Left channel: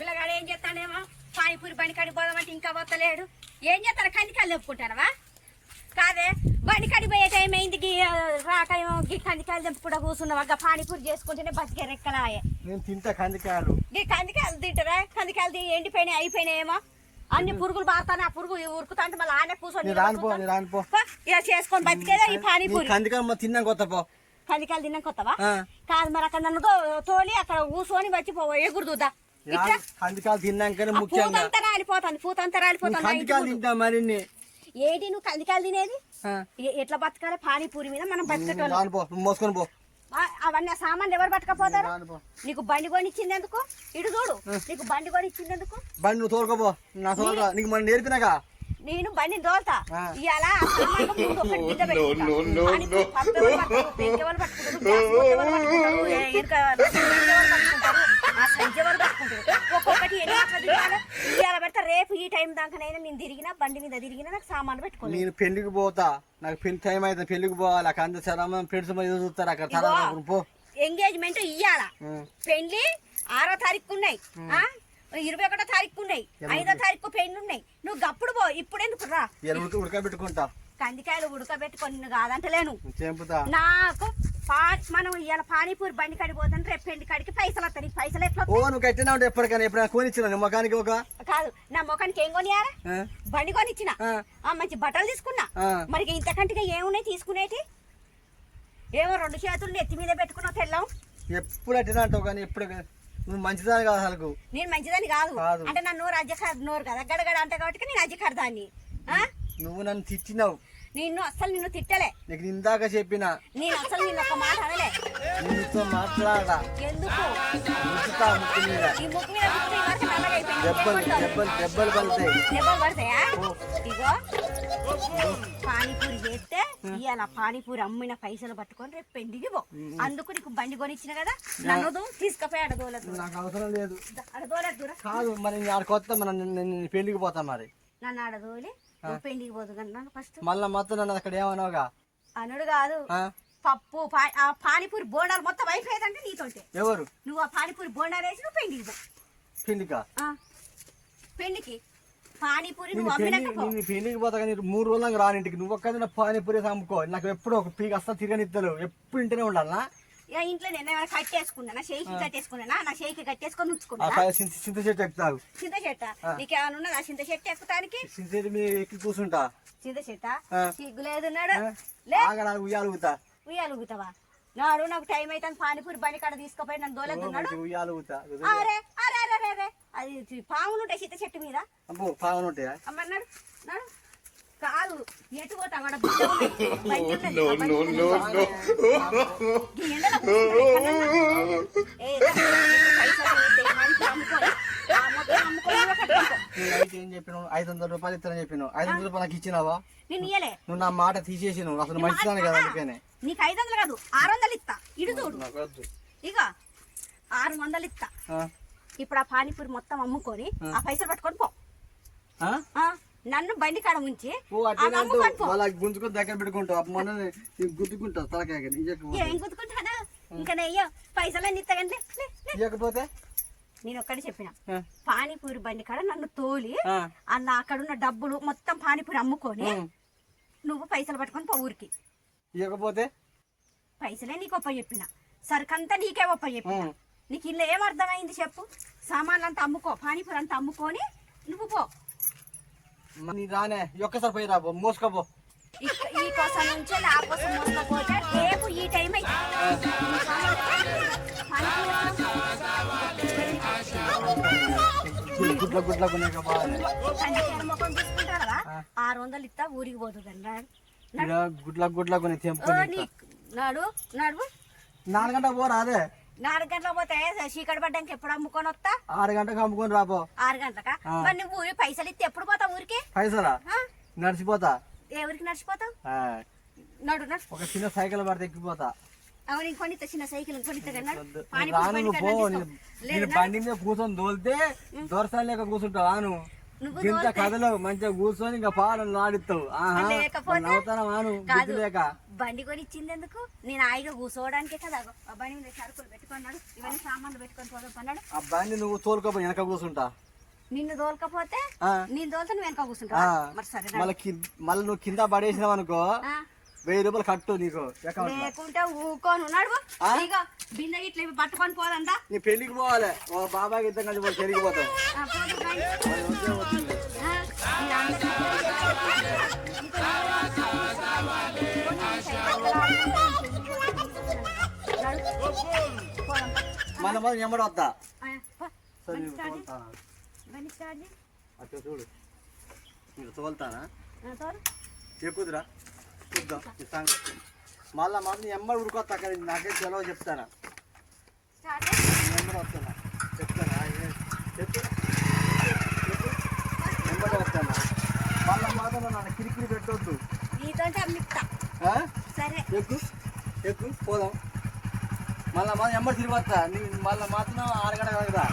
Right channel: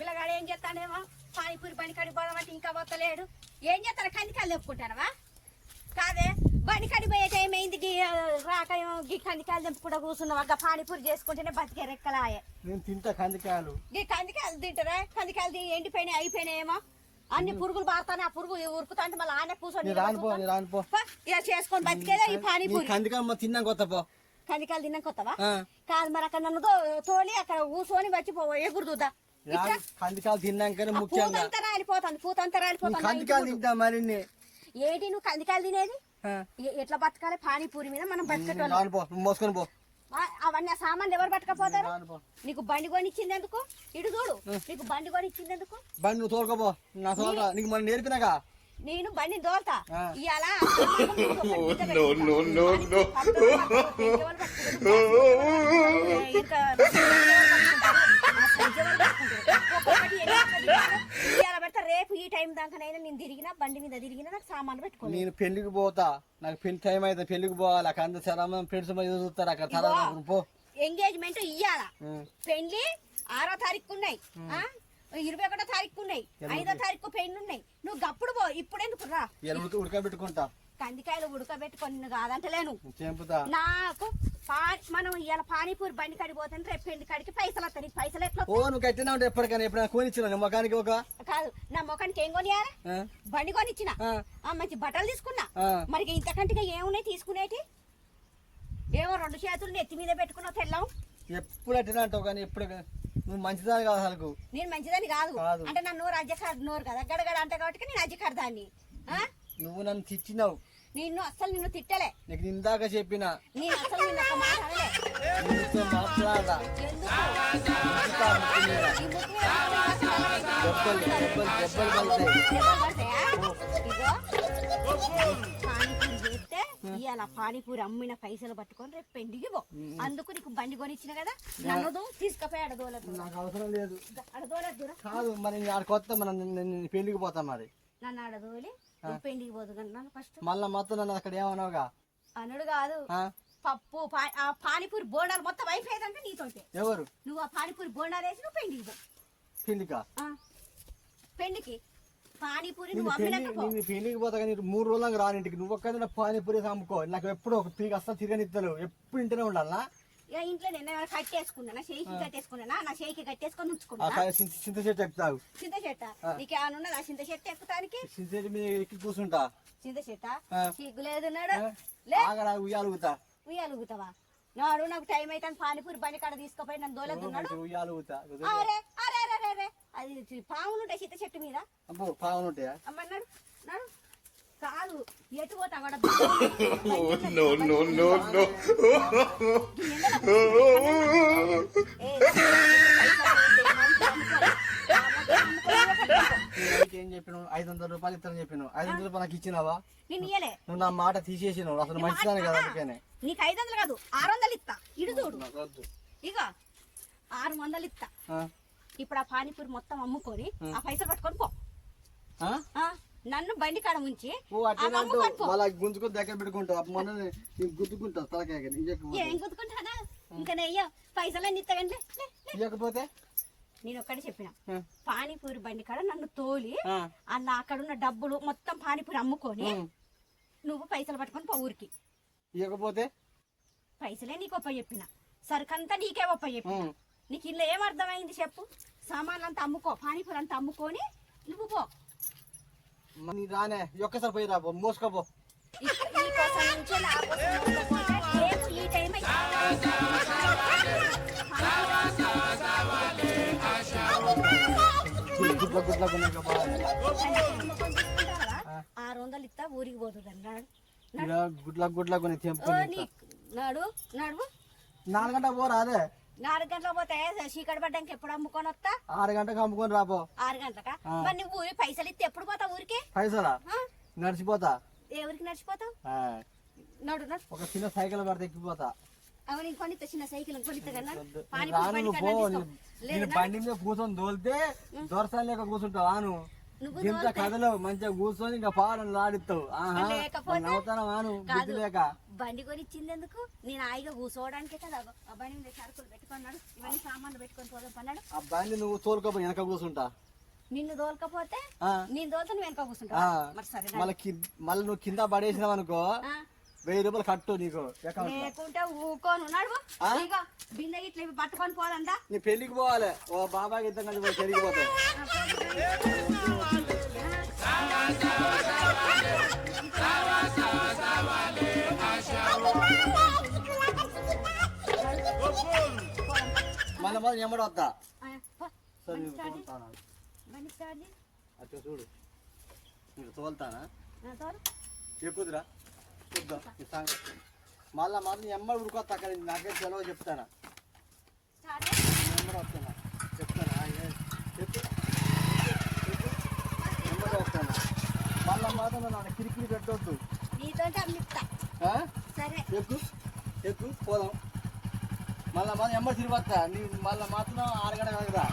పిల్లగాడు ఏం చేస్తానేమో పానీపూరి బండి కాడికి పోదామంటే ఇంకా వస్తలేడు. ఏం చేస్తాను కందికాయలు చెప్పుకుంటానవా? కాదే బండి కాడికి పోయే టైం అయింది, రాకేమో కందికాయలు తెంపుకుండా కూర్చున్నావా? పానీపూరి చేసుకుంటేనే బతికే రెక్కలాయే. నేను తింటా కందికాయలు. కందికాయలు తింటారా? కందికాయలు ఎండిపోయినాయి అయిపోయినాయేమో, అన్ని పురుగులు బాగుతానే ఆ పురుగు ఉరుకుతా అంటే మళ్ళీ ఆనే కూర్చొని ఇలా చేసుకొని బతికేదా ఈ పానీపూరి. కందికాయలు తిన్నాం కొత్త పో. కందికాయలు తిన్నాం కొత్తవా? కాదు మరి అక్కడ నన్ను తోలి అక్కడ కూర్చొని వచ్చిపో ఎగురుదా. కందికాయలు తిన్నాకనే ముఖ్యంగా పూతంతా రాలిపోతుంది, పూతంతా రాలిపోతుంది. కందికాయలు తింటా మరి. ఏంటి నువ్వు కందికాయలు తినేది? ఎట్లా బతకాలి పానీపూరి మీద మనం బతకటం? మోసుకొని పో. అవన్నీ ఆ సామాన్లు ఎవరు పట్టుకపోతారు? నీకు బండి కొని ఇచ్చిందెందుకు? ఇటు చూడు, నీకు బండి కొని ఇచ్చిందెందుకు? బండి నువ్వు తోలుకోపో. నా తోలుగా నీకు మనం నేర్పినాగా. నేను బండిని తోలుతా ఇవాళ. రేపు ఈ టైం దాకానైనా నేను తిరిగినా బండి మీద తిరిగినా నాకు సామాన్లు పెట్టుకో. నేను పెళ్లికి పోతా, నాకు పెళ్లి టైం అయితే పెళ్లికి పోవాలి. అక్కడ అందరు సరే ఫ్రెండ్స్ చూస్తారు అక్కడ. ఎంగేజ్మెంట్ ఇయ్యాల, పెళ్లి 6వ తారీఖు ఉన్నాయి, 21వ తారీఖు ఉన్నాయి, 5వ తారీఖు పెళ్లి ఉన్నాయి. నువ్వు గప్పుడు పో, ఇప్పుడు ఎందుకు రా? ఉడకబెట్టుకుంటా కందికాయలు ఉడకబెట్టుకొని నిన్ను కాదంటలేను. చెంపుతా నాకు మనం ఇవాళ పానీపూరి బండి కాడికి పోతాను, రేపు పెళ్లి కాడికి పైసలు వస్తాయి. పైసలు ఎట్లా? నువ్వు కట్టినా ఉంటే ఎప్పటికైనా కొనిచ్చిన ముఖానికి ఒక కాదు, నా ముఖానికి ఏం కొనియారా? బండి కొనిచ్చిన, మంచి బట్టలు తీసుకున్నా. మరి ఇంతకంటే ఏమున్నాయి తీసుకునేటి? ఏమో 2 చేతులు నెత్తి మీద పెట్టుకున్నావు తెల్లం. ఎప్పుడు అట్టినా అంటావు కానీ ఎప్పుడు నువ్వు మంచిదాని కాదు. అసలు నేను మంచిదాన్ని కాదు అంటే నా నోరు అజ్జకారు నోరు కదా, గడగడ అంట కాబట్టి నేను అజ్జకారు దాన్ని. నువ్వు నన్ను తిట్టినావు. నిన్ను అసలు నిన్ను తిట్టలే. నీకు ఇందాక చెప్పిన నేను అసలు నిన్ను ఒక మాట అనలే. ఇవాళ పానీపూరి అమ్మిన పైసలు పట్టుకొని రేపు పెళ్లికి పో. అందుకు నీకు బండి కొనిచ్చిన కదా, నన్ను తీసుకపోయి అడదోలేదు. నాకు అవసరం లేదు. అడదోలేదు కాదు మరి కొత్త మనం పెళ్లికి పోతాం. మరి నన్ను అడదోలి పెళ్లికి పోదు కన్నాను ఫస్ట్. మళ్ళా మొత్తం నన్ను అక్కడ ఏమన్నావుగా? అనుడు కాదు, పప్పు పానీపూరి బోండాలు మొత్తం అయిపోయేదంటే నీతోటి. ఎవరు? నువ్వు ఆ పానీపూరి బోండాలు వేసి నువ్వు పెళ్లికి పో. పెళ్లికా? పెళ్లికి పానీపూరి నువ్వు అమ్మినాక పెళ్లికి పోతా కానీ 3 రోజులకు రాని ఇంటికి. నువ్వు ఒక్కదైనా పానీపూరి అమ్ముకో. నాకు ఎప్పుడు ఒక పీక్ అస్సలు తిరగనిద్దరు. ఎప్పుడు ఇంటనే ఉండాలనా? ఇంట్లో నేను ఏమైనా కట్టేసుకున్నా, షేకి కట్టేసుకున్నా, నా షేకి కట్టేసుకొని ఉంచుకున్నా. చింత చెట్టు ఎక్కుతావు. చింత చెట్ట నీకేమన్నా ఉన్నా? నా చింత చెట్టు ఎక్కుతానికి చింత చెట్టు మీద ఎక్కి కూర్చుంటా. చింత చెట్ట సిగ్గులేదున్నాడు. ఉయ్యాలుగుతా. ఉయ్యాలుగుతావా? నాడు నాకు టైం అయితే పానీపూరి బండి కాడ తీసుకుపోయి నన్ను దోలేదున్నాడు. ఉయ్యాలుగుతా. అరే అరే అరే అరే అది పాములు ఉంటాయి చింత చెట్టు మీద. పాములు ఉంటాయా? అమ్మన్నాడు నాడు కాదు ఎటు పోతా ఏం చెప్పినావు? 500 రూపాయలు ఇస్తానని చెప్పినావు. 500 రూపాయలు నాకు ఇచ్చినావా? నేను ఇయ్యలే. నువ్వు నా మాట తీసేసినావు. అసలు మంచిదాని కదా. అందుకనే నీకు 500 కాదు 600 ఇస్తా. ఇటు చూడు ఇక 600 ఇస్తా. ఇప్పుడు ఆ పానీపూరి మొత్తం అమ్ముకొని ఆ పైసలు పట్టుకొని పో. నన్ను బండి కాడ ఉంచి గుంజుకొని దగ్గర పెట్టుకుంటావు. గుద్దుకుంటావు తలకాయ. ఏం గుద్దుకుంటానా? ఇంకా నెయ్యో పైసలన్నీ ఇస్తాగండి. ఇవ్వకపోతే నేను ఒక్కడే చెప్పిన, పానీపూరి బండి కాడ నన్ను తోలి అన్న అక్కడున్న డబ్బులు మొత్తం పానీపూరి అమ్ముకొని నువ్వు పైసలు పట్టుకొని పో ఊరికి. ఇవ్వకపోతే పైసలే నీకు ఒప్ప చెప్పిన, సరుకంతా నీకే ఒప్ప చెప్పిన. నీకు ఇల్లు ఏం అర్థమైంది చెప్పు? సామాన్లు అంతా అమ్ముకో, పానీపూరి అంతా అమ్ముకొని నువ్వు పో. రానే ఒక్కసారి పోయి రాబో, మోసుకోపో. ఇస్తా ఊరికి పోతుంది. గుడ్ల కొని నాడు నాడు 4 గంటలకు పోరా? అదే 4 గంటలకు పోతే చీకటి పడ్డానికి ఎప్పుడు అమ్ముకొని వస్తా? 6 గంటలకు అమ్ముకొని రాబో. 6 గంటలకా? మరి నువ్వు పైసలు ఇస్తే ఎప్పుడు పోతావు ఊరికి? పైసలా? నడిచిపోతా. ఏ ఊరికి నడిచిపోతావు? నడు నడు. ఒక చిన్న సైకిల్ పడితే ఎక్కిపోతా. అవును కొనిత చిన్న సైకిల్ కొనిత బండి మీద కూర్చొని దోలితే దొరసాలు లేక కూర్చుంటావు. ఆను ఇంత కథలు మంచిగా కూర్చొని ఇంకా పాలను ఆడిస్తావు. అవుతానా? ఆను లేక బండి కొని ఇచ్చింది ఎందుకు? నేను హాయిగా కూర్చోవడానికే కదా. ఆ బండి మీద సరుకులు పెట్టుకున్నాడు, ఇవన్నీ సామాన్లు పెట్టుకొని పోదాం పన్నాడు. ఆ బండి నువ్వు తోలుకోపోయి వెనక కూర్చుంటా. నిన్ను తోలకపోతే ఆ. నేను తోలుతా నువ్వు వెనక కూర్చుంటా. మరి సరే రా. మళ్ళీ నువ్వు కింద పడేసినావు అనుకో ఆ, 1000 రూపాయలు కట్టు నీకు account లో. లేకుంటే ఊకోను నడువు. ఆ? ఇగో బిందె గిట్ల ఇవి పట్టుకొని పోదంతా. నీ పెళ్లికి పోవాలి ఓ బాబాకి ఇద్దరు కలిసి పోయి పెళ్లికి పోతావు. మన ఎమ్మడి వస్తా. సరే నేను తోలుతానా? అట్లా చూడు మీరు తోలుతానా చెప్పుదురా చూద్దాం ఈ సంగతి. మళ్ళా మాత్రం ఎమ్మడి ఉరుకొస్తా అక్కడ నాకే సెలవు చెప్తానా ఎమ్మడి వస్తానా చెప్తానా చెప్పు ఎమ్మడి వస్తానా మళ్ళా మాత్రం నన్ను కిరికిరి పెట్టొద్దు. నీతోంటే అమ్మిస్తా. ఆ? సరే ఎక్కు పోదాం. మళ్ళా మాత్రం ఎమ్మడి తిరిగి వస్తా నీ మళ్ళీ మాత్రం 6 గంటల కదా